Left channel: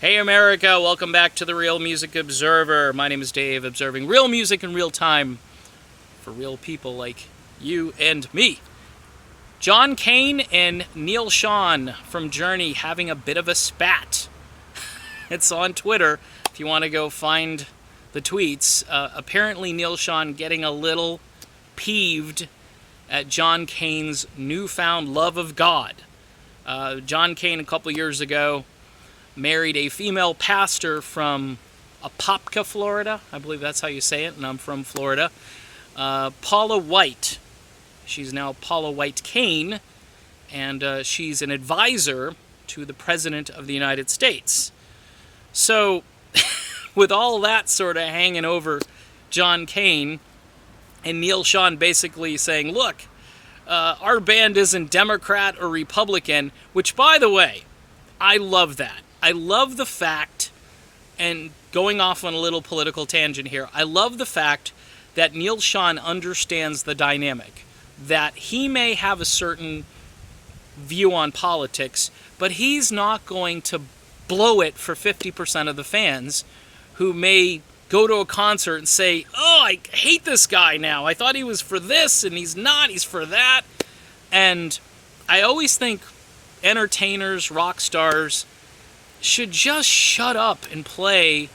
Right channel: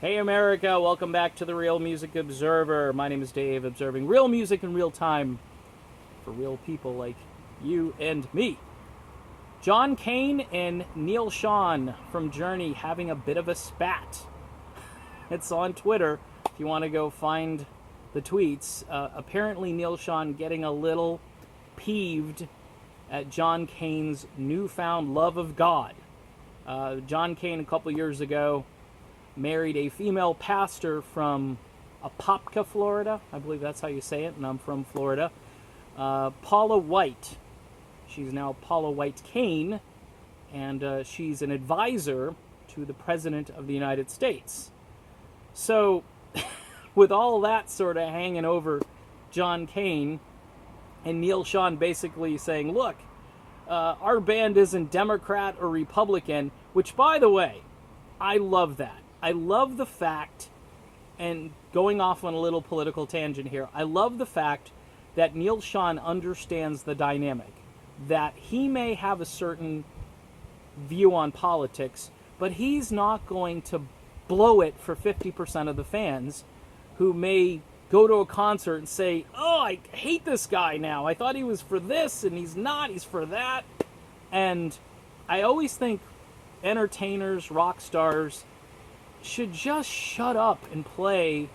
Hey America, welcome back to the Real Music Observer. My name is Dave, observing real music in real time for real people like you and me. John Cain and Neal Schon from Journey having a bit of a spat. It's on Twitter if you want to go find the tweets. Apparently Neal Schon getting a little peeved at John Cain's newfound love of God. John Cain a couple years ago married a female pastor from Apopka, Florida. I believe that's how you say it, and I'm from Florida. Paula White. She's now Paula White Cain, and she's an advisor to the President of the United States. So, with all that sort of hanging over John Cain, and Neal Schon basically saying, look, our band isn't Democrat or Republican, which, by the way, I love that. I love the fact, and going off on a little political tangent here, I love the fact that Neal Schon understands the dynamic, that he may have a certain view on politics, but he's not going to blow it for 50% of the fans who may go to a concert and say, oh, I hate this guy now. I thought he was for this, and he's not. He's for that. And I always think entertainers, rock stars, should just shut up and play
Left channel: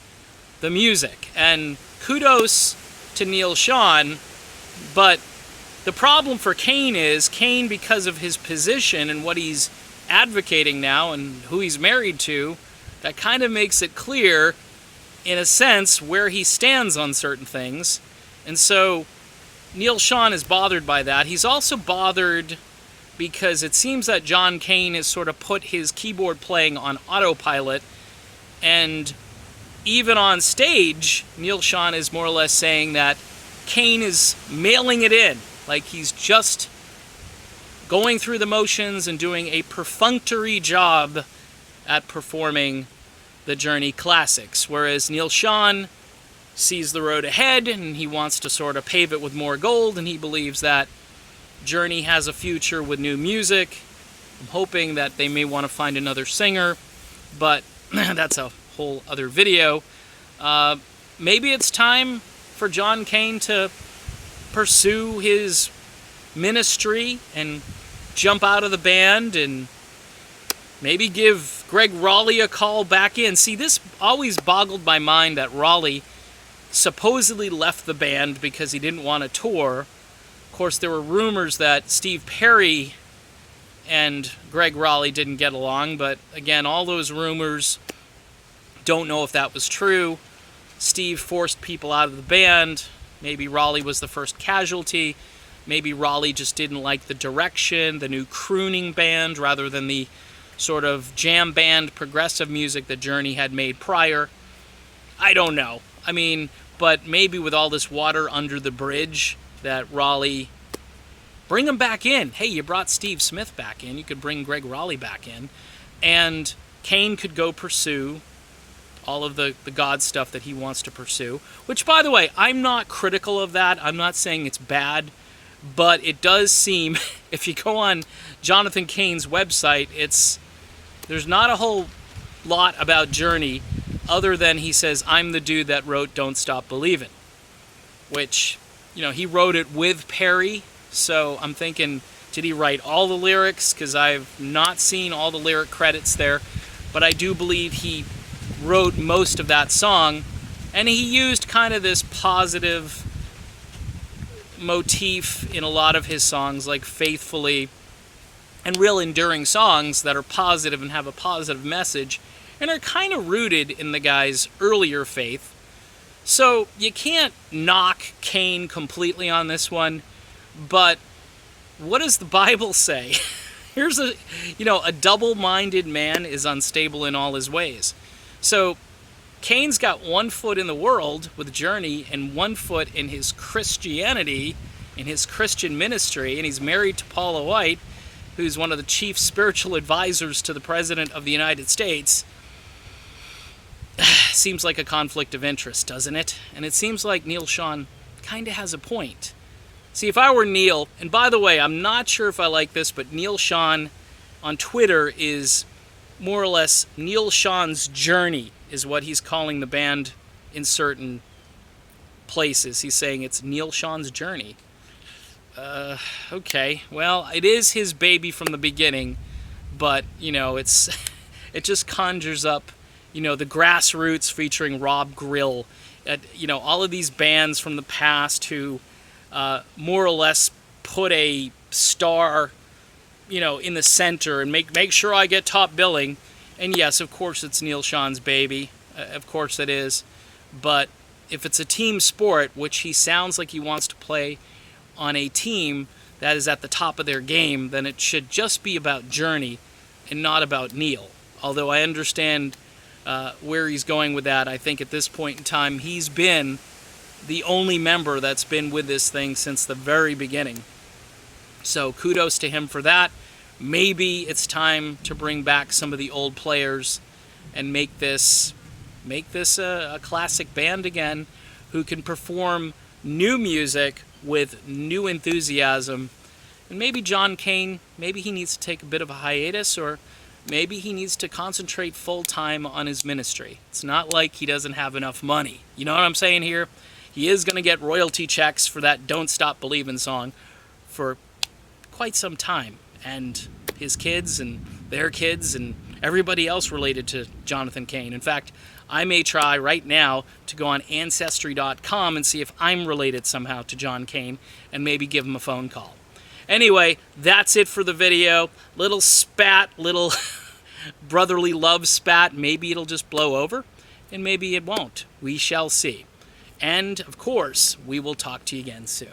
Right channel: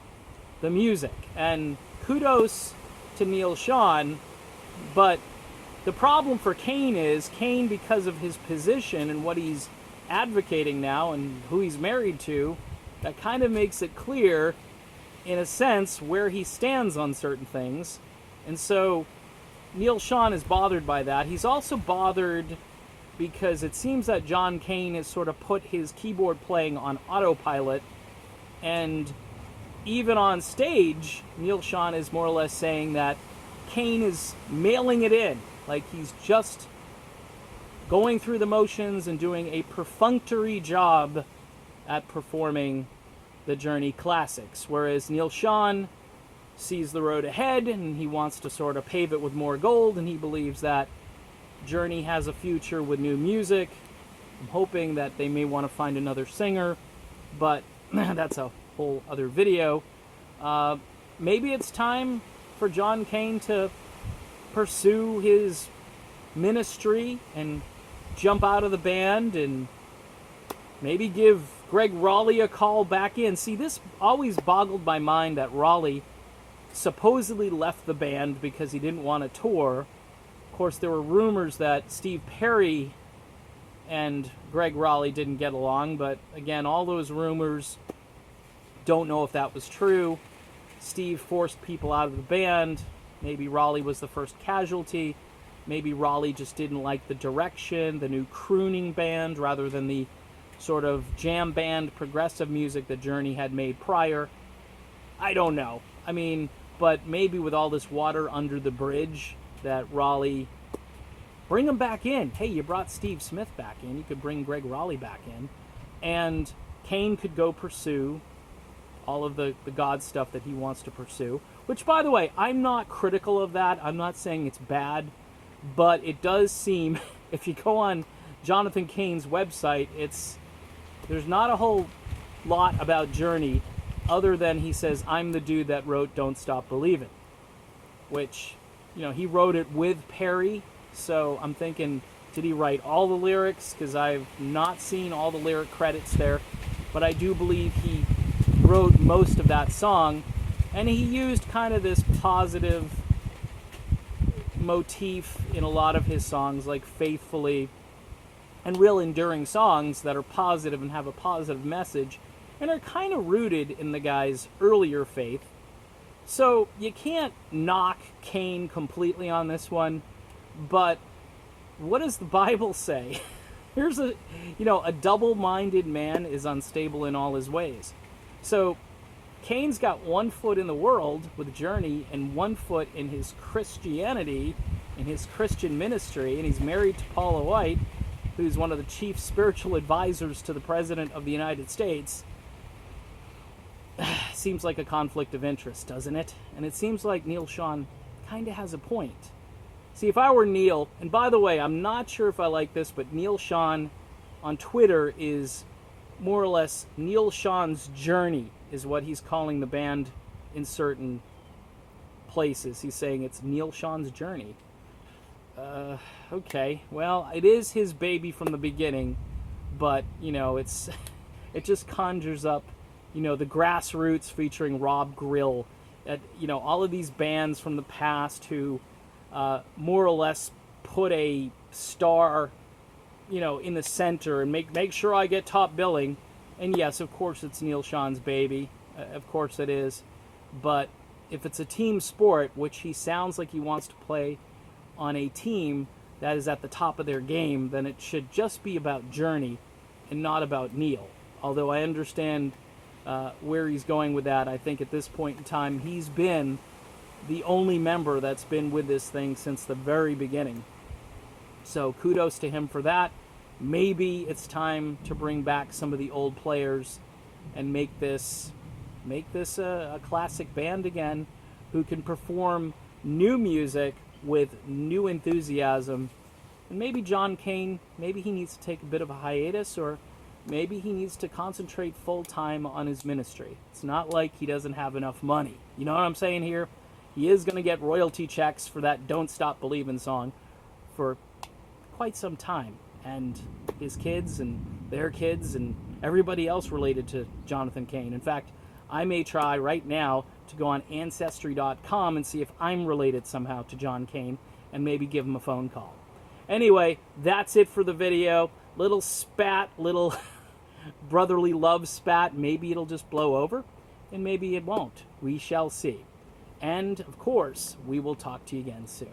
the music. And kudos to Neal Schon, but the problem for Cain is, Cain, because of his position and what he's advocating now and who he's married to, that kind of makes it clear, in a sense, where he stands on certain things. And so Neal Schon is bothered by that. He's also bothered because it seems that John Cain has sort of put his keyboard playing on autopilot, and even on stage, Neal Schon is more or less saying that Cain is mailing it in, like he's just going through the motions and doing a perfunctory job at performing the Journey classics, whereas Neal Schon sees the road ahead and he wants to sort of pave it with more gold, and he believes that Journey has a future with new music. I'm hoping that they may want to find another singer, but that's a whole other video. Maybe it's time for John Cain to pursue his ministry and jump out of the band and maybe give Greg Raleigh a call back in. See, this always boggled my mind that Raleigh supposedly left the band because he didn't want to tour. Of course, there were rumors that Steve Perry and Greg Raleigh didn't get along, but again, all those rumors, don't know if that was true. Steve forced people out of the band. Maybe Raleigh was the first casualty. Maybe Raleigh just didn't like the direction, the new crooning band, rather than the sort of jam band progressive music that Journey had made prior. I don't know. I mean, but maybe with all this water under the bridge, that Raleigh, bring him back in. Hey, you brought Steve Smith back in. You could bring Greg Raleigh back in. And Cain could go pursue all of the God stuff that he wants to pursue. Which, by the way, I'm not critical of that. I'm not saying it's bad. But it does seem, if you go on Jonathan Cain's website, there's not a whole lot about Journey other than he says, I'm the dude that wrote Don't Stop Believin'. Which, he wrote it with Perry, so I'm thinking, did he write all the lyrics? Because I've not seen all the lyric credits there, but I do believe he wrote most of that song, and he used kind of this positive motif in a lot of his songs, like Faithfully, and real enduring songs that are positive and have a positive message, and are kind of rooted in the guy's earlier faith. So you can't knock Cain completely on this one, but what does the Bible say? Here's a double-minded man is unstable in all his ways. So Cain's got one foot in the world with Journey and one foot in his Christianity, in his Christian ministry, and he's married to Paula White, who's one of the chief spiritual advisors to the President of the United States. Seems like a conflict of interest, doesn't it? And it seems like Neal Schon kind of has a point. See, if I were Neal, and by the way, I'm not sure if I like this, but Neal Schon on Twitter is more or less Neal Schon's journey is what he's calling the band in certain places. He's saying it's Neal Schon's journey. Okay, well, it is his baby from the beginning, but, you know, it just conjures up, you know, the Grassroots featuring Rob Grill, you know, all of these bands from the past who more or less put a star, you know, in the center and make sure I get top billing. And yes, of course, it's Neal Schon's baby. Of course it is. But if it's a team sport, which he sounds like he wants to play on a team that is at the top of their game, then it should just be about Journey and not about Neal. Although I understand where he's going with that. I think at this point in time, he's been the only member that's been with this thing since the very beginning. So kudos to him for that. Maybe it's time to bring back some of the old players and make this a classic band again who can perform new music with new enthusiasm. And maybe John Cain, maybe he needs to take a bit of a hiatus, or maybe he needs to concentrate full-time on his ministry. It's not like he doesn't have enough money. You know what I'm saying here? He is going to get royalty checks for that Don't Stop Believin' song for quite some time. And his kids and their kids and everybody else related to Jonathan Cain. In fact, I may try right now to go on Ancestry.com and see if I'm related somehow to John Cain and maybe give him a phone call. Anyway, that's it for the video. Little spat, little brotherly love spat. Maybe it'll just blow over, and maybe it won't. We shall see. And, of course, we will talk to you again soon.